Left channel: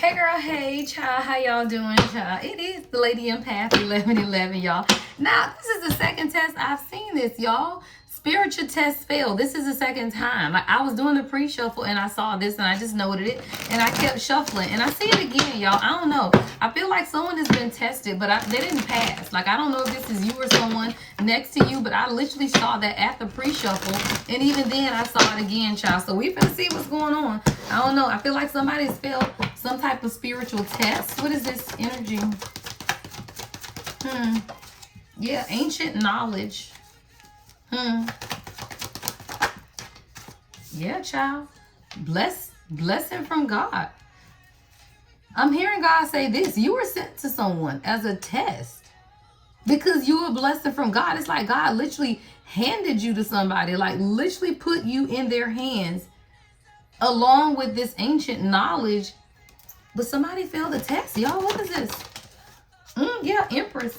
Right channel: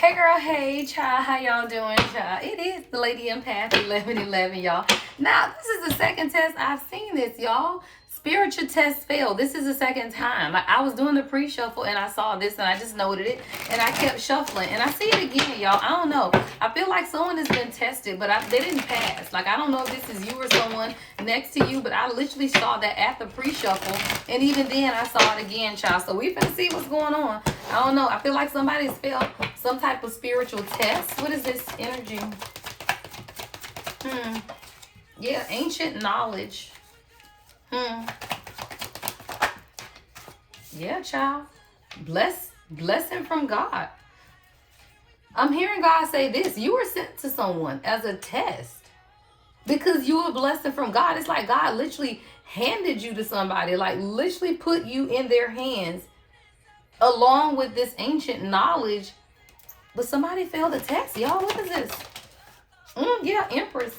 Hey girl, hey child, how y'all doing, child? It is the Lady Empath 1111, y'all. Now, this is the second test I've seen this, y'all. Spiritual test failed. This is the second time. Like, I was doing the pre-shuffle and I saw this and I just noted it and I kept shuffling and I see it again, y'all. I don't know. I feel like someone has been tested, but they didn't pass. Like, I don't know if this is you or someone next to you, but I literally saw that at the pre-shuffle and even then I saw it again, child. So we finna see what's going on. I don't know. I feel like somebody's failed some type of spiritual test. What is this energy? Yeah, ancient knowledge. Yeah, child. Blessing from God. I'm hearing God say this. You were sent to someone as a test because you were a blessing from God. It's like God literally handed you to somebody, like literally put you in their hands along with this ancient knowledge. But somebody failed the test, y'all. What is this? Yeah, Empress.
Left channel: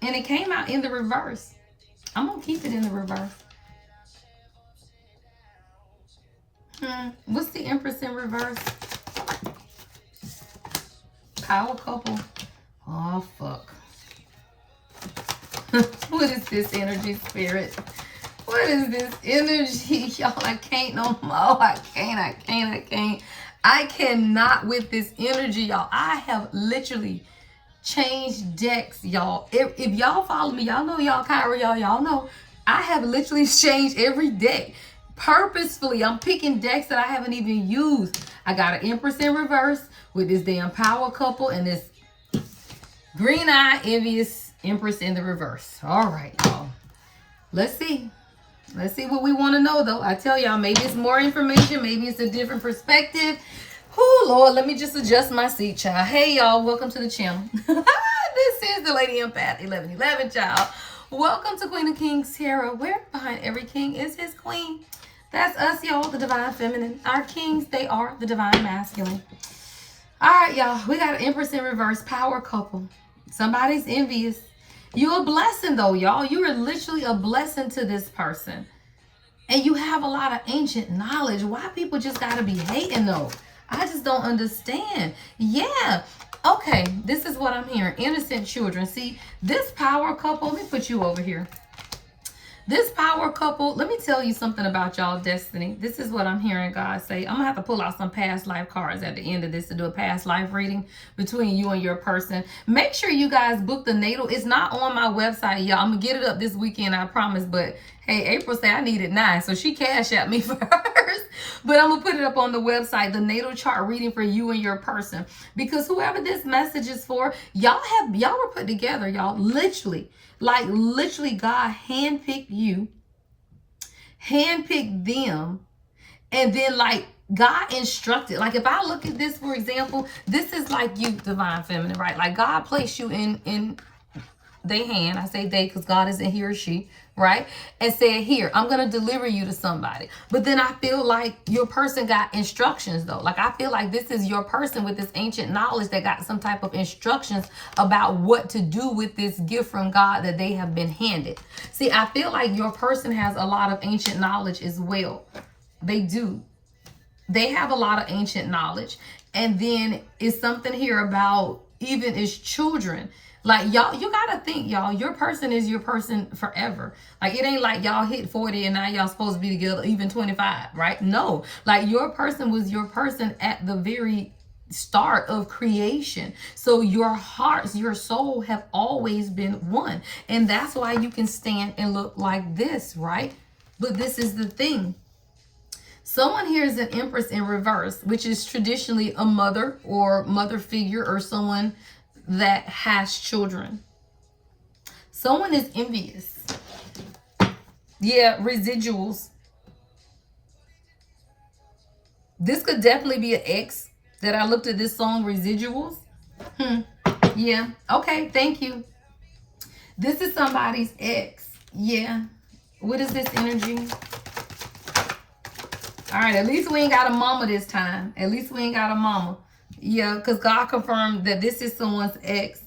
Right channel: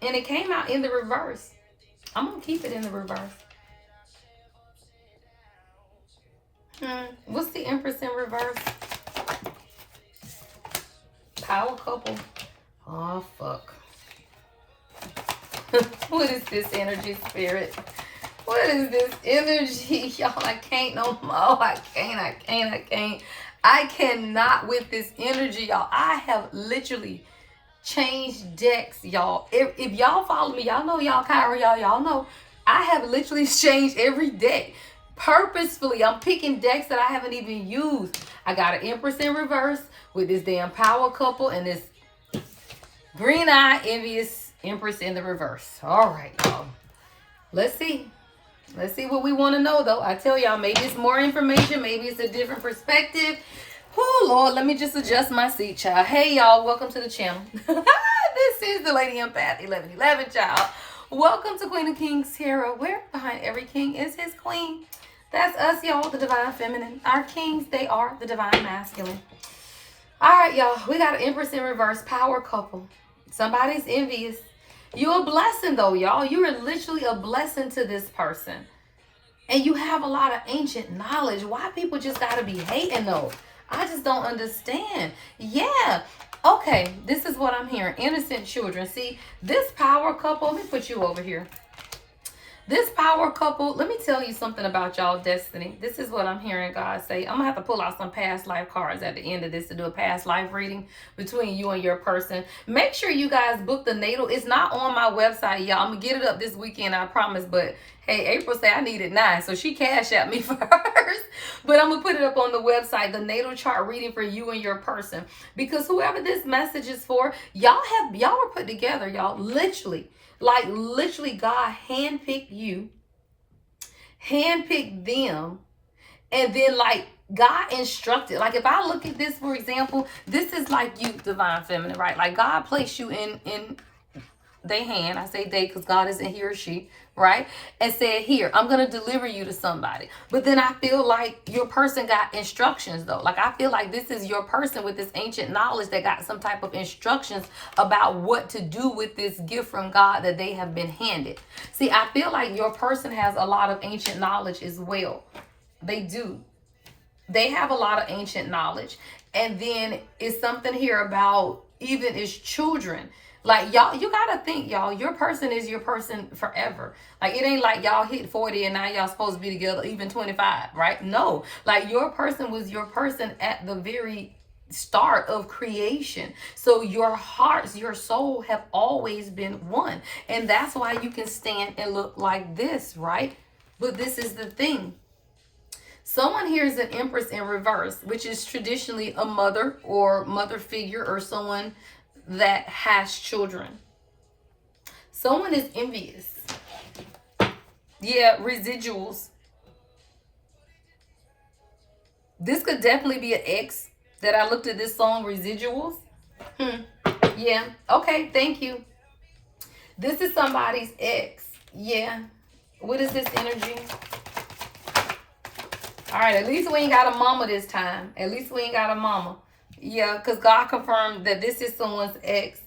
And it came out in the reverse. I'm going to keep it in the reverse. What's the Empress in reverse? Power couple. Oh, fuck. What is this energy, spirit? What is this energy? Y'all, I can't no more. I can't. I cannot with this energy, y'all. I have literally changed decks, y'all. If y'all follow me, y'all know y'all Kyra, y'all know I have literally changed every deck purposefully. I'm picking decks that I haven't even used. I got an Empress in reverse with this damn power couple and this green eye envious Empress in the reverse. All right, y'all. Let's see what we want to know, though. I tell y'all, maybe it's more information, maybe it's a different perspective. Oh Lord, let me just adjust my seat, child. Hey y'all, welcome to the channel. This is the Lady Empath 1111, child. Welcome to Queen of Kings Tarot, where behind every king is his queen. That's us, y'all, the divine feminine. Our kings, they are the divine masculine. All right, y'all, we got an Empress in reverse, power couple. Somebody's envious. You're a blessing, though, y'all. You are literally a blessing to this person. And you have a lot of ancient knowledge. Why people just got to be hating, though? I just don't understand. Yeah. Okay, this is what I'm hearing. Innocent children. See, this power couple, let me put you over here. This power couple, let me tell you something about y'all destiny. This is what I'm hearing God say. I'm going to have to pull out some past life cards at the end of this to do a past life reading between you and your person. Make sure you guys book the natal. It's not on my website, y'all. I'm going to get it up this weekend, I promise. But hey, April said I need it 9, so she cashed at me first. But I'm going to put it up on the website, the natal chart reading for you and your person. Because whoever this message is for, y'all were put together, y'all. Literally. Like literally God handpicked you, handpicked them, and then like God instructed. Like if I look at this, for example, this is like you, divine feminine, right? Like God placed you in their hand. I say they because God isn't he or she, right? And said, here, I'm going to deliver you to somebody. But then I feel like your person got instructions, though. Like I feel like this is your person with this ancient knowledge that got some type of instructions about what to do with this gift from God that they have been handed. See, I feel like your person has a lot of ancient knowledge as well. They do. They have a lot of ancient knowledge. And then it's something here about even as children. Like y'all, you gotta think, y'all, your person is your person forever. Like it ain't like y'all hit 40 and now y'all supposed to be together even 25, right? No, like your person was your person at the very start of creation. So your hearts, your soul have always been one. And that's why you can stand and look like this, right? But this is the thing. Someone here is an Empress in reverse, which is traditionally a mother or mother figure or someone that has children. Someone is envious. Yeah, residuals. This could definitely be an ex that I looked at this song, Residuals. Yeah. Okay, thank you. This is somebody's ex. Yeah. What is this energy? All right, at least we ain't got a mama this time. At least we ain't got a mama. Yeah, because God confirmed that this is someone's ex.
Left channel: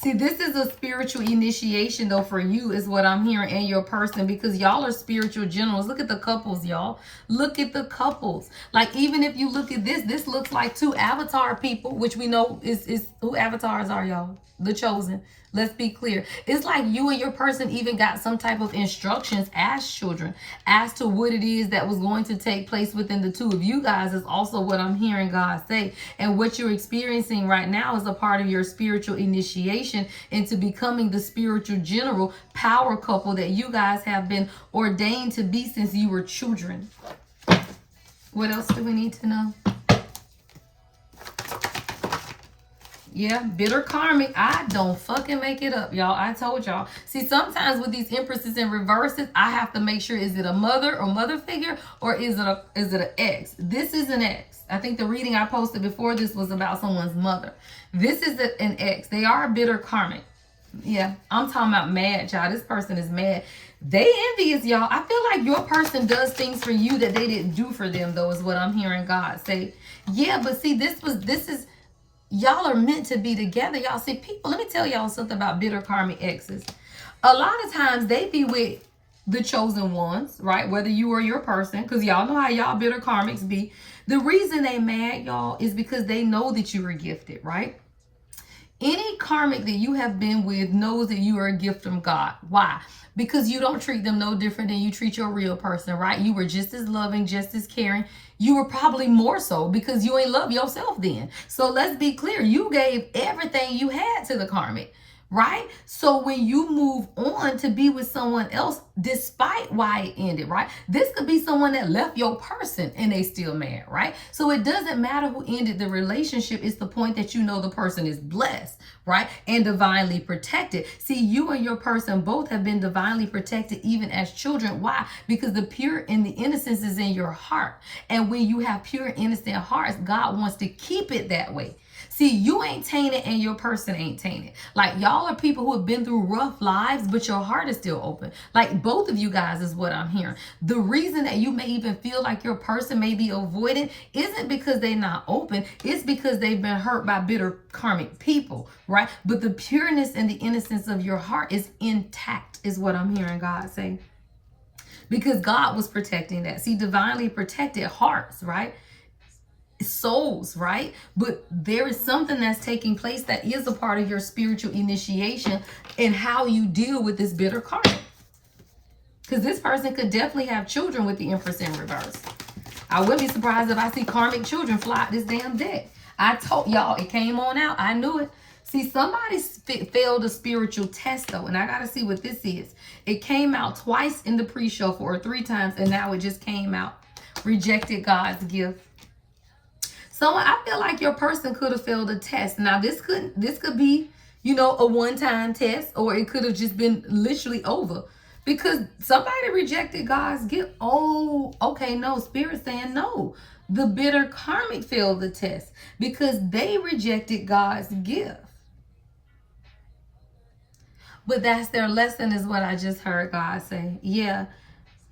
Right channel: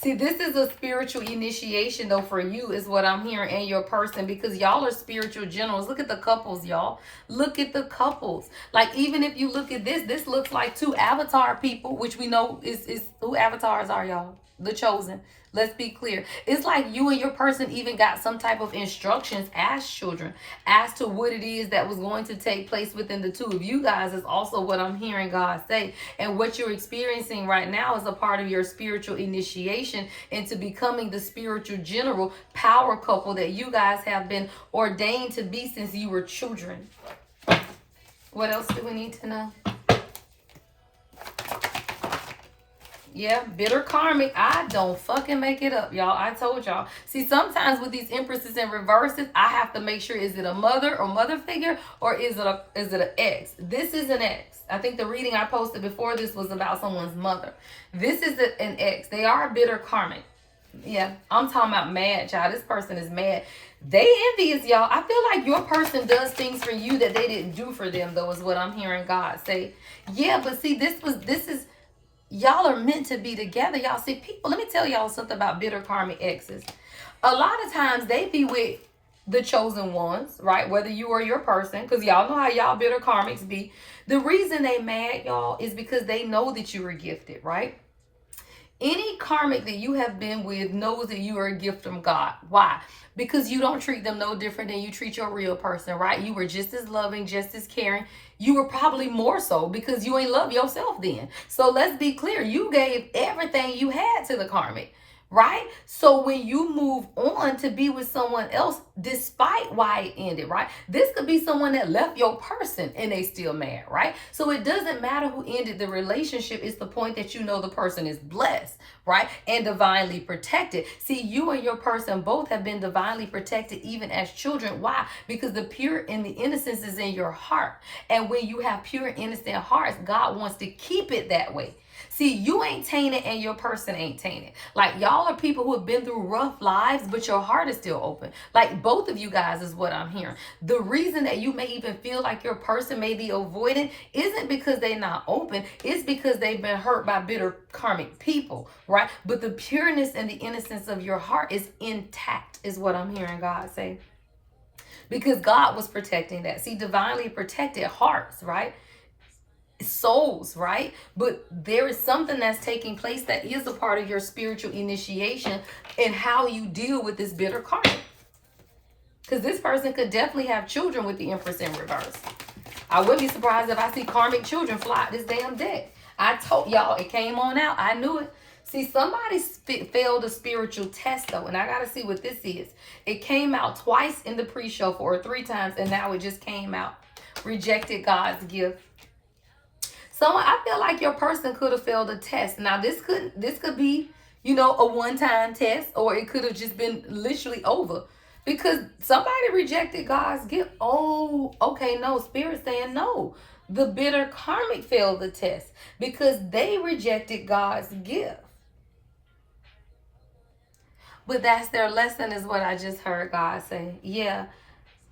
See, this is a spiritual initiation, though, for you, is what I'm hearing, and your person, because y'all are spiritual generals. Look at the couples, y'all. Look at the couples. Like, even if you look at this looks like two avatar people, which we know is who avatars are, y'all. The chosen. Let's be clear. It's like you and your person even got some type of instructions as children as to what it is that was going to take place within the two of you guys, is also what I'm hearing God say. And what you're experiencing right now is a part of your spiritual initiation into becoming the spiritual general power couple that you guys have been ordained to be since you were children. What else do we need to know? Yeah, bitter karmic. I don't fucking make it up, y'all. I told y'all. See, sometimes with these empresses and reverses, I have to make sure, is it a mother or mother figure, or is it an ex? This is an ex. I think the reading I posted before this was about someone's mother. This is an ex. They are bitter karmic. Yeah, I'm talking about mad, y'all. This person is mad. They envious, y'all. I feel like your person does things for you that they didn't do for them, though, is what I'm hearing God say. Yeah, but see, this is... Y'all are meant to be together. Y'all see, people, let me tell y'all something about bitter karmic exes. A lot of times they be with the chosen ones, right? Whether you or your person, because y'all know how y'all bitter karmics be. The reason they mad, y'all, is because they know that you were gifted, right? Any karmic that you have been with knows that you are a gift from God. Why? Because you don't treat them no different than you treat your real person, right? You were just as loving, just as caring. You were probably more so because you ain't love yourself then. So let's be clear. You gave everything you had to the karmic, right? So when you move on to be with someone else, despite why it ended, right? This could be someone that left your person and they still mad, right? So it doesn't matter who ended the relationship. It's the point that you know the person is blessed, right? And divinely protected. See, you and your person both have been divinely protected even as children. Why? Because the pure and the innocence is in your heart. And when you have pure, innocent hearts, God wants to keep it that way. See, you ain't tainted and your person ain't tainted. Like, y'all are people who have been through rough lives, but your heart is still open. Like, both of you guys is what I'm hearing. The reason that you may even feel like your person may be avoidant isn't because they're not open. It's because they've been hurt by bitter karmic people, right? But the pureness and the innocence of your heart is intact, is what I'm hearing God say. Because God was protecting that. See, divinely protected hearts, right? Souls, right? But there is something that's taking place that is a part of your spiritual initiation and how you deal with this bitter karma. Because this person could definitely have children with the Empress in reverse. I wouldn't be surprised if I see karmic children fly out this damn deck. I told y'all, it came on out. I knew it. See, somebody failed a spiritual test, though, and I got to see what this is. It came out twice in the pre-show, or 3 times, and now it just came out. Rejected God's gift. Someone, I feel like your person could have failed a test. Now, this could be, you know, a one-time test, or it could have just been literally over. Because somebody rejected God's gift. Oh, okay, no, Spirit saying no. The bitter karmic failed the test because they rejected God's gift. But that's their lesson, is what I just heard God say. Yeah.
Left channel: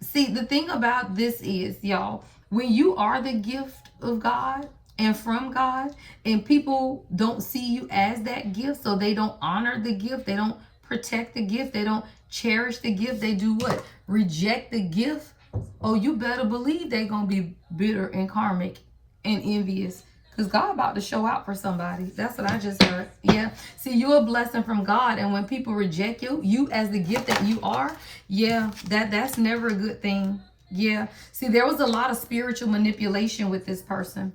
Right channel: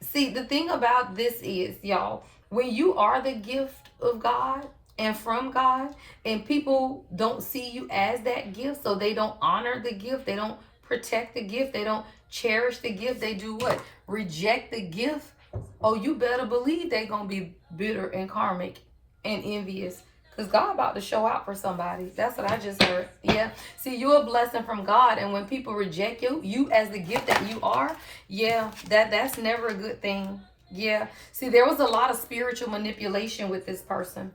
See, the thing about this is, y'all, when you are the gift of God and from God, and people don't see you as that gift, so they don't honor the gift, they don't protect the gift, they don't cherish the gift, they do what? Reject the gift. Oh, you better believe they're going to be bitter and karmic and envious. Because God about to show out for somebody. That's what I just heard. Yeah. See, you're a blessing from God. And when people reject you as the gift that you are, yeah, that's never a good thing. Yeah. See, there was a lot of spiritual manipulation with this person.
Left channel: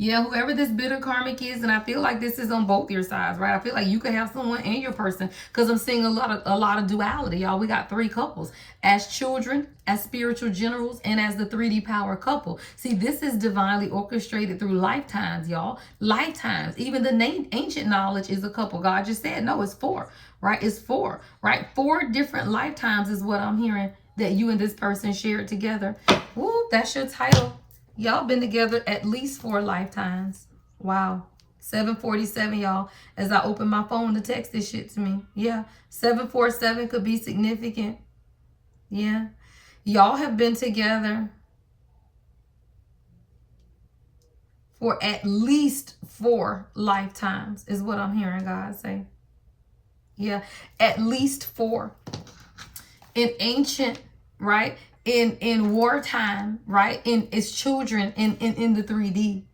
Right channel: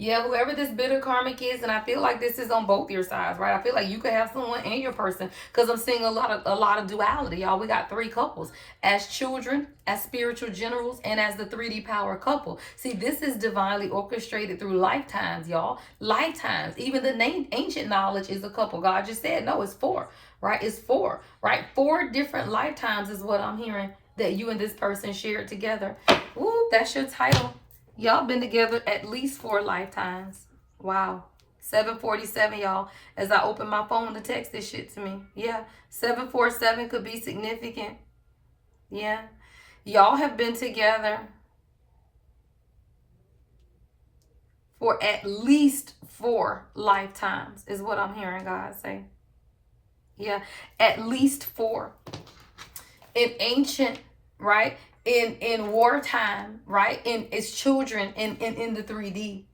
Yeah, whoever this bitter karmic is, and I feel like this is on both your sides, right? I feel like you could have someone and your person, because I'm seeing a lot of duality, y'all. We got 3 couples, as children, as spiritual generals, and as the 3D power couple. See, this is divinely orchestrated through lifetimes, y'all. Lifetimes. Even the ancient knowledge is a couple. God just said, no, it's 4, right? It's 4, right? 4 different lifetimes is what I'm hearing that you and this person shared together. Ooh, that's your title. Y'all been together at least 4 lifetimes. Wow. 747, y'all. As I open my phone to text this shit to me. Yeah. 747 could be significant. Yeah. Y'all have been together for at least 4 lifetimes, is what I'm hearing God say. Yeah, at least 4. In ancient, right? In wartime, right? In its children in the 3D.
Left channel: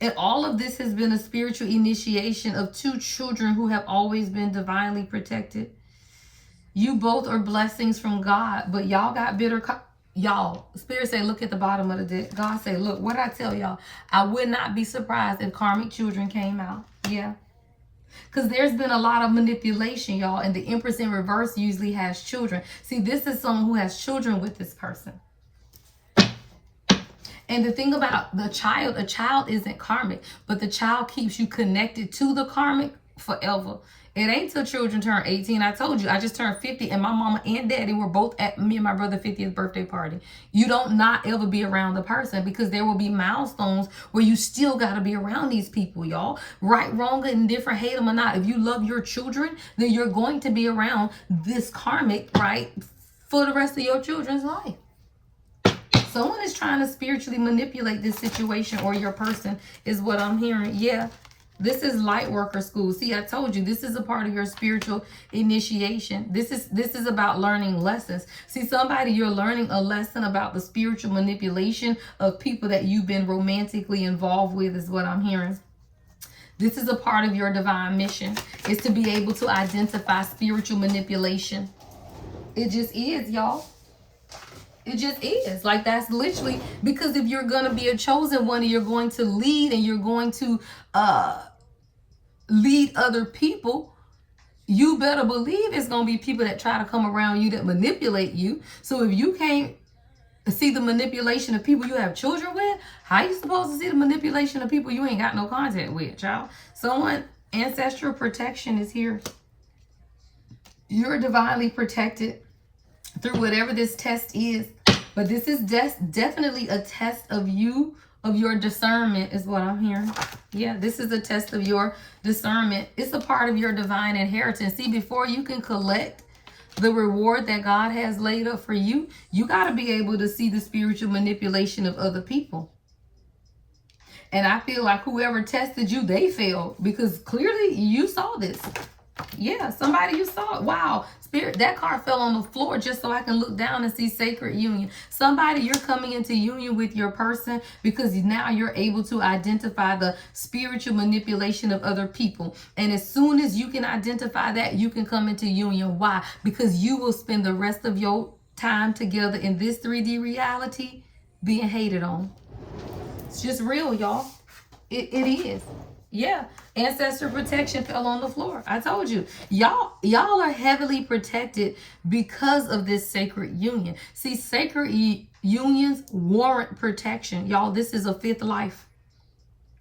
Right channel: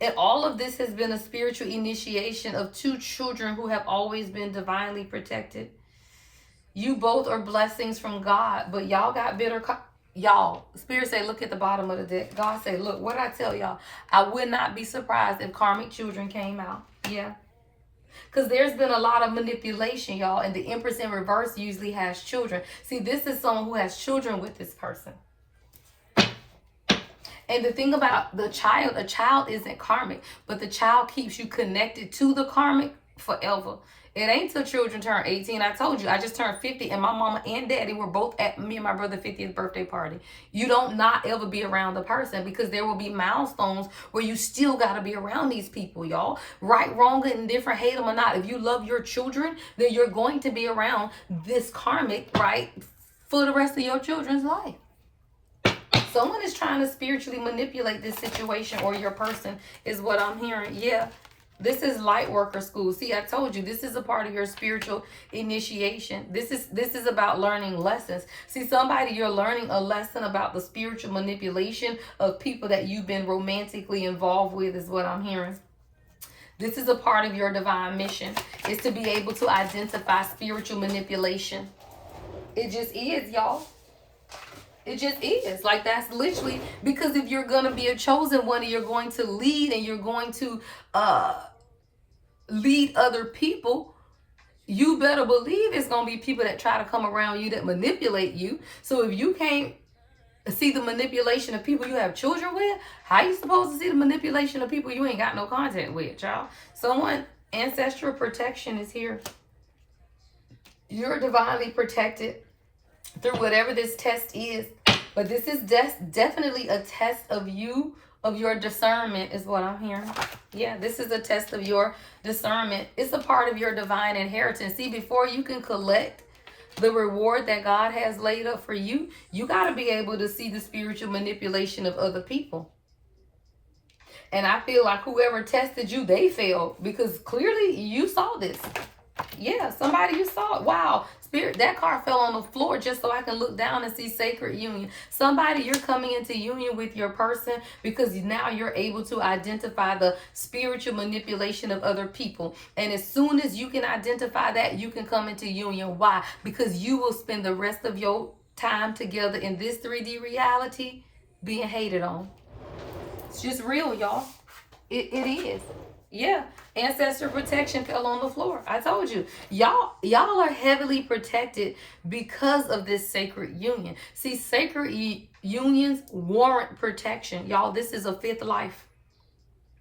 And all of this has been a spiritual initiation of 2 children who have always been divinely protected. You both are blessings from God, but y'all got bitter. Y'all, Spirit say, look at the bottom of the deck. God say, look, what I tell y'all, I would not be surprised if karmic children came out. Yeah. Because there's been a lot of manipulation, y'all, and the Empress in reverse usually has children. See, this is someone who has children with this person. And the thing about a child isn't karmic, but the child keeps you connected to the karmic forever. It ain't till children turn 18. I told you, I just turned 50 and my mama and daddy were both at me and my brother's 50th birthday party. You don't not ever be around the person because there will be milestones where you still got to be around these people, y'all. Right, wrong, and different, hate them or not. If you love your children, then you're going to be around this karmic, right, for the rest of your children's life. Someone is trying to spiritually manipulate this situation or your person is what I'm hearing. Yeah. This is light worker school. See, I told you, this is a part of your spiritual initiation. This is about learning lessons. See, somebody, you're learning a lesson about the spiritual manipulation of people that you've been romantically involved with is what I'm hearing. This is a part of your divine mission, is to be able to identify spiritual manipulation. It just is, y'all. It just is. Like, that's literally, because if you're going to be a chosen one and you're going to lead and you're going to lead other people, you better believe it's going to be people that try to come around you that manipulate you. So if you can't see the manipulation of people you have children with, how you supposed to see the manipulation of people you ain't got no contact with, y'all? Someone, ancestral protection is here. You're divinely protected through whatever this test is. But this is definitely a test of you, of your discernment is what I'm hearing. Yeah, this is a test of your discernment. It's a part of your divine inheritance. See, before you can collect the reward that God has laid up for you, you got to be able to see the spiritual manipulation of other people. And I feel like whoever tested you, they failed because clearly you saw this. Yeah, somebody you saw it. Wow, Spirit, that card fell on the floor just so I can look down and see sacred union. Somebody, you're coming into union with your person because now you're able to identify the spiritual manipulation of other people. And as soon as you can identify that, you can come into union. Why? Because you will spend the rest of your time together in this 3D reality being hated on. It's just real, y'all. It is. Yeah, ancestor protection fell on the floor. I told you, y'all are heavily protected because of this sacred union. See, sacred unions warrant protection. Y'all, this is a 5th life.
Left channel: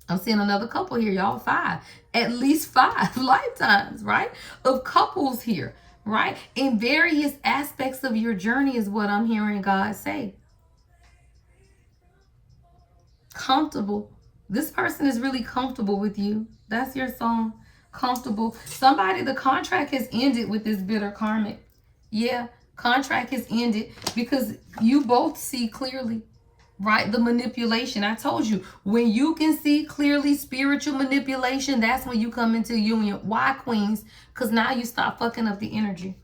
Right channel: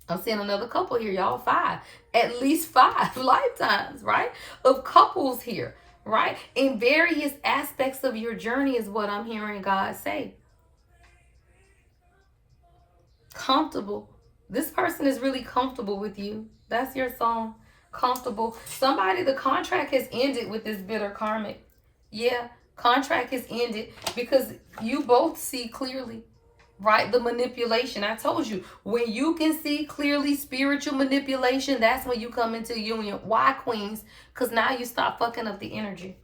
I'm seeing another couple here, y'all. 5, at least 5 lifetimes, right? Of couples here, right? In various aspects of your journey is what I'm hearing God say. Comfortable. This person is really comfortable with you. That's your song. Comfortable. Somebody, the contract has ended with this bitter karmic. Yeah, contract has ended because you both see clearly, right? The manipulation. I told you, when you can see clearly spiritual manipulation, that's when you come into union. Why, queens? Because now you stop fucking up the energy.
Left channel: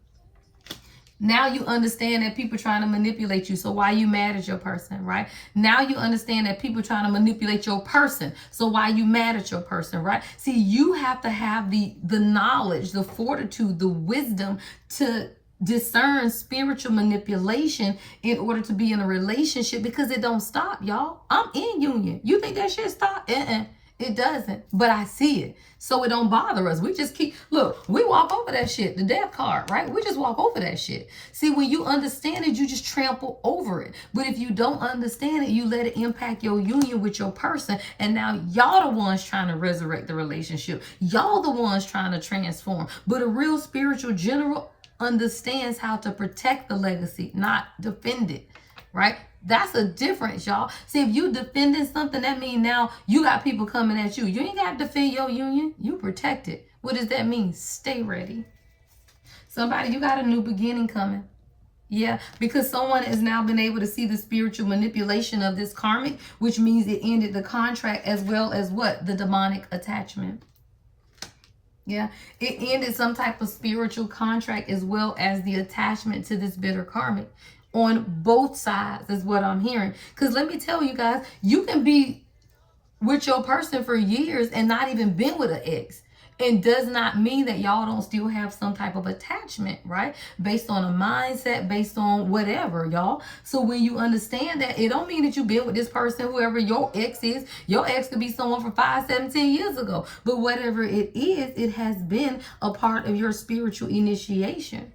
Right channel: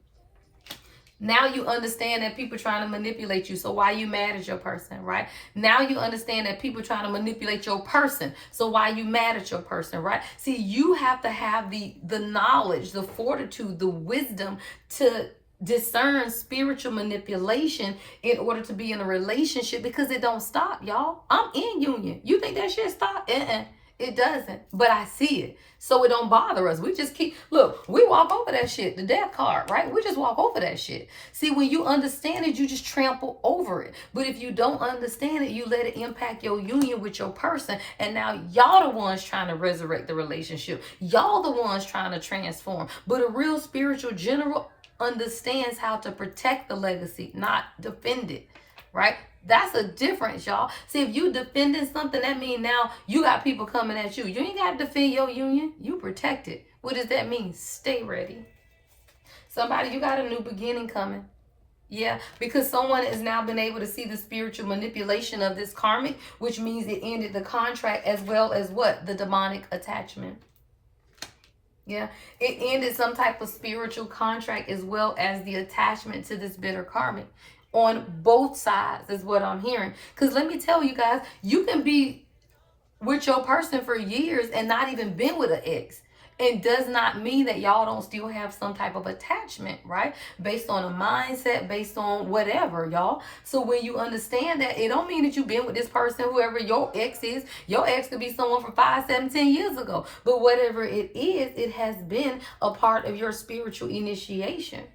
Now you understand that people trying to manipulate you. So why you mad at your person, right? Now you understand that people trying to manipulate your person. So why you mad at your person, right? See, you have to have the knowledge, the fortitude, the wisdom to discern spiritual manipulation in order to be in a relationship, because it don't stop, y'all. I'm in union. You think that shit stop? It doesn't, but I see it. So it don't bother us. We just keep, look, we walk over that shit, the death card, right? We just walk over that shit. See, when you understand it, you just trample over it. But if you don't understand it, you let it impact your union with your person. And now y'all the ones trying to resurrect the relationship. Y'all the ones trying to transform. But a real spiritual general understands how to protect the legacy, not defend it, right? That's a difference, y'all. See, if you defending something, that means now you got people coming at you. You ain't got to defend your union. You protect it. What does that mean? Stay ready. Somebody, you got a new beginning coming. Yeah, because someone has now been able to see the spiritual manipulation of this karmic, which means it ended the contract as well as what? The demonic attachment. Yeah, it ended some type of spiritual contract as well as the attachment to this bitter karmic on both sides, is what I'm hearing. Because let me tell you guys, you can be with your person for years and not even been with an ex. It does not mean that y'all don't still have some type of attachment, right? Based on a mindset, based on whatever, y'all. So when you understand that, it don't mean that you've been with this person, whoever your ex is. Your ex could be someone from 5, 7, 10 years ago. But whatever it is, it has been a part of your spiritual initiation.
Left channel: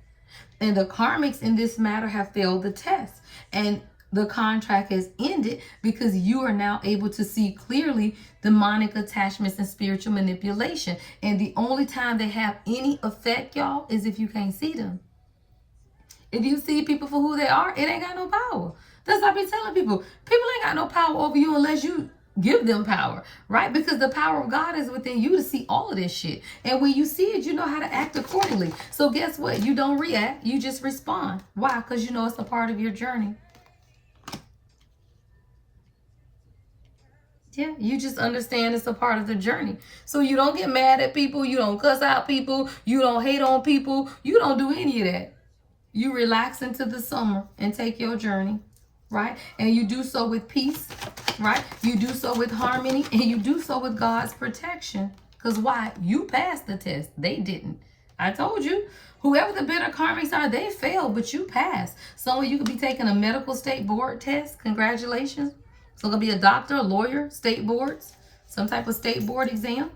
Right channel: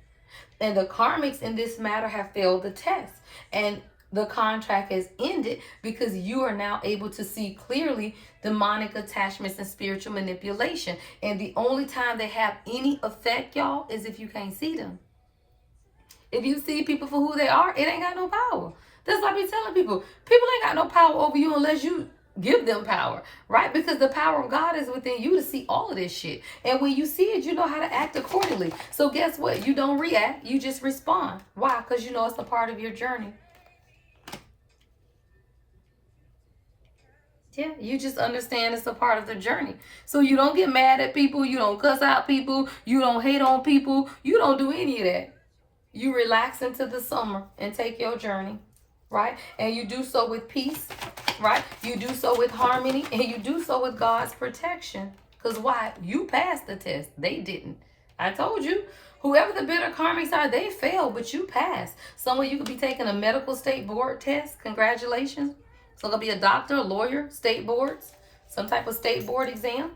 And the karmics in this matter have failed the test. And the contract has ended because you are now able to see clearly demonic attachments and spiritual manipulation. And the only time they have any effect, y'all, is if you can't see them. If you see people for who they are, it ain't got no power. That's what I be telling people. People ain't got no power over you unless you give them power, right? Because the power of God is within you to see all of this shit. And when you see it, you know how to act accordingly. So guess what? You don't react. You just respond. Why? Because you know it's a part of your journey. Yeah, you just understand it's a part of the journey. So you don't get mad at people. You don't cuss out people. You don't hate on people. You don't do any of that. You relax into the summer and take your journey, right? And you do so with peace, right? You do so with harmony, and you do so with God's protection. Because why? You passed the test. They didn't. I told you. Whoever the bitter karmics are, they failed, but you passed. Some of you could be taking a medical state board test. Congratulations. So it'll be a doctor, a lawyer, state boards, some type of state board exam,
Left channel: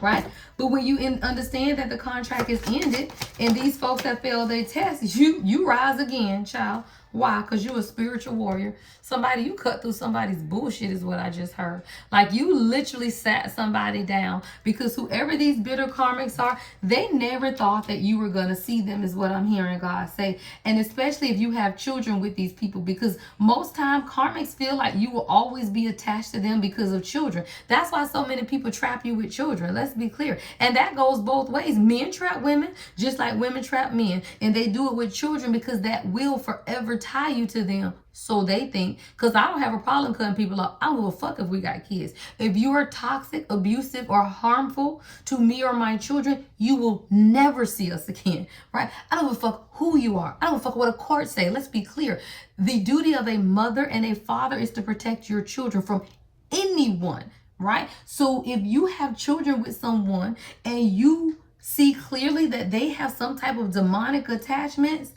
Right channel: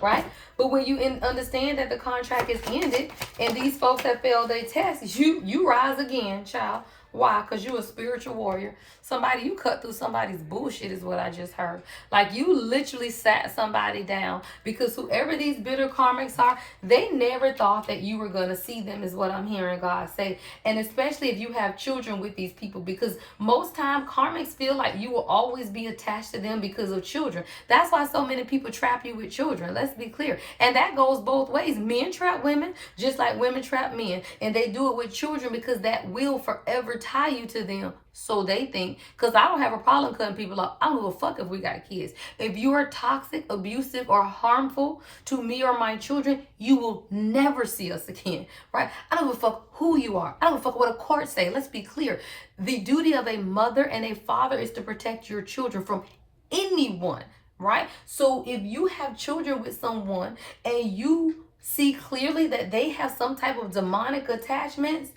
right? But when you understand that the contract is ended and these folks have failed their test, you rise again, child. Why? Because you're a spiritual warrior. Somebody, you cut through somebody's bullshit is what I just heard. Like you literally sat somebody down because whoever these bitter karmics are, they never thought that you were going to see them is what I'm hearing God say. And especially if you have children with these people, because most time karmics feel like you will always be attached to them because of children. That's why so many people trap you with children. Let's be clear. And that goes both ways. Men trap women just like women trap men. And they do it with children because that will forever tie you to them. So they think, because I don't have a problem cutting people off. I don't give a fuck if we got kids. If you are toxic, abusive, or harmful to me or my children, you will never see us again, right? I don't give a fuck who you are. I don't give a fuck what a court say. Let's be clear. The duty of a mother and a father is to protect your children from anyone, right? So if you have children with someone and you see clearly that they have some type of demonic attachments,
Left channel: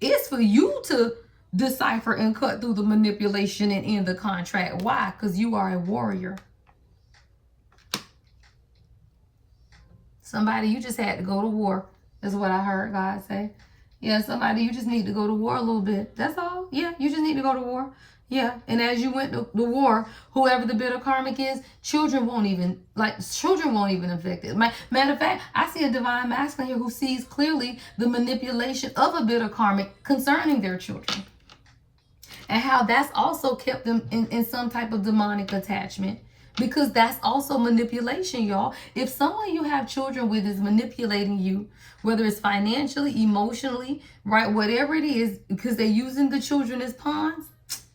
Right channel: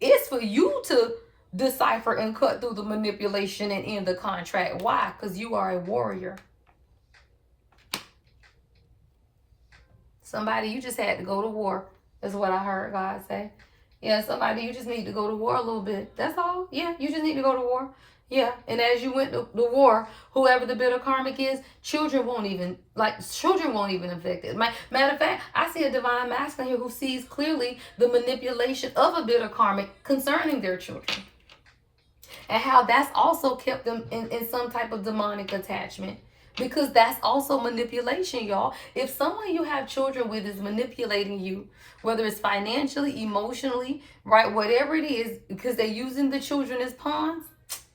it's for you to decipher and cut through the manipulation and end the contract. Why? Because you are a warrior. Somebody, you just had to go to war, is what I heard God say. Yeah, somebody, you just need to go to war a little bit. That's all. Yeah, you just need to go to war. Yeah, and as you went to the war, whoever the bitter karmic is, children won't even affect it. Matter of fact, I see a divine masculine here who sees clearly the manipulation of a bitter karmic concerning their children. And how that's also kept them in some type of demonic attachment. Because that's also manipulation, y'all. If someone you have children with is manipulating you, whether it's financially, emotionally, right, whatever it is, because they're using the children as pawns,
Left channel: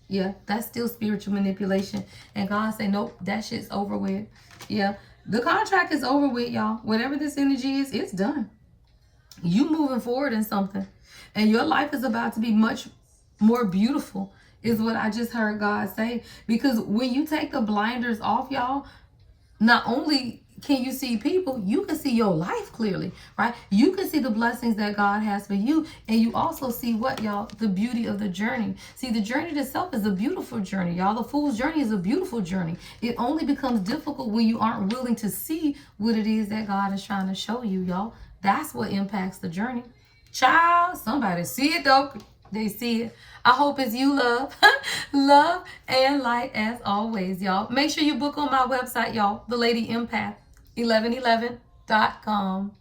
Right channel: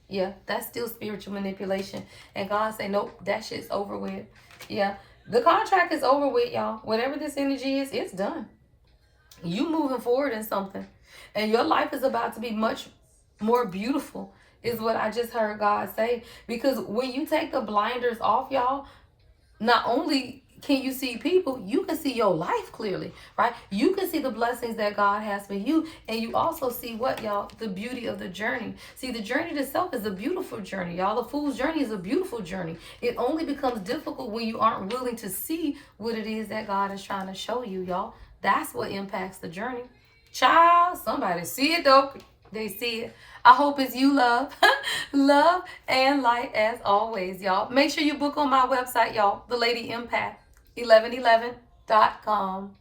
yeah, that's still spiritual manipulation. And God say, nope, that shit's over with. Yeah, the contract is over with, y'all. Whatever this energy is, it's done. You moving forward in something. And your life is about to be much more beautiful, is what I just heard God say. Because when you take the blinders off, y'all, not only can you see people, you can see your life clearly, right? You can see the blessings that God has for you. And you also see what, y'all? The beauty of the journey. See, the journey itself is a beautiful journey, y'all. The fool's journey is a beautiful journey. It only becomes difficult when you aren't willing to see what it is that God is trying to show you, y'all. That's what impacts the journey. Child, somebody see it though. They see it. I hope it's you, love. Love and light as always, y'all. Make sure you book on my website, y'all. The Lady Empath, 1111.com.